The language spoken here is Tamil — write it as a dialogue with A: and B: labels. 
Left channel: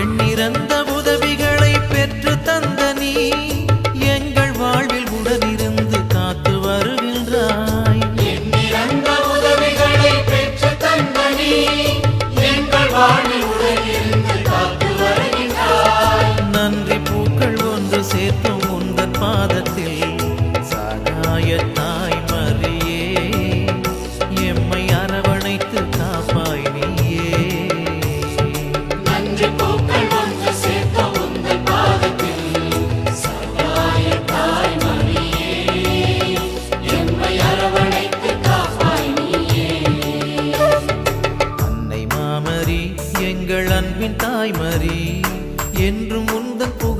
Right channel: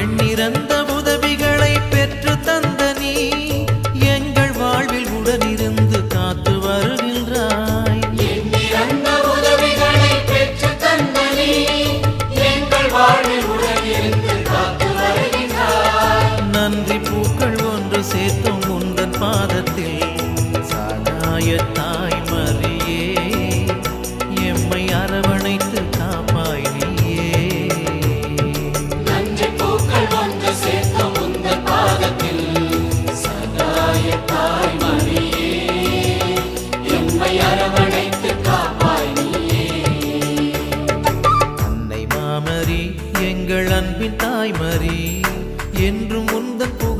A: எண்ணிறந்த உதவிகளை பெற்று தந்த நீ எங்கள் வாழ்வில் உடனிருந்து காத்து வருகின்றாய்.
B: எண்ணிறந்த உதவிகளை பெற்று தந்த நீ எங்கள் வாழ்வில் உடனிருந்து காத்து வருகின்றாய்.
A: நன்றி பூக்கள் ஒன்று சேர்த்தும் உந்தன் பாதத்தில். சகாய தாய் மரியே எம்மை அரவணைத்து காப்பாய் நீயே. எங்கள் அன்பின் தாய்மரி என்றும் உந்தன் புகழை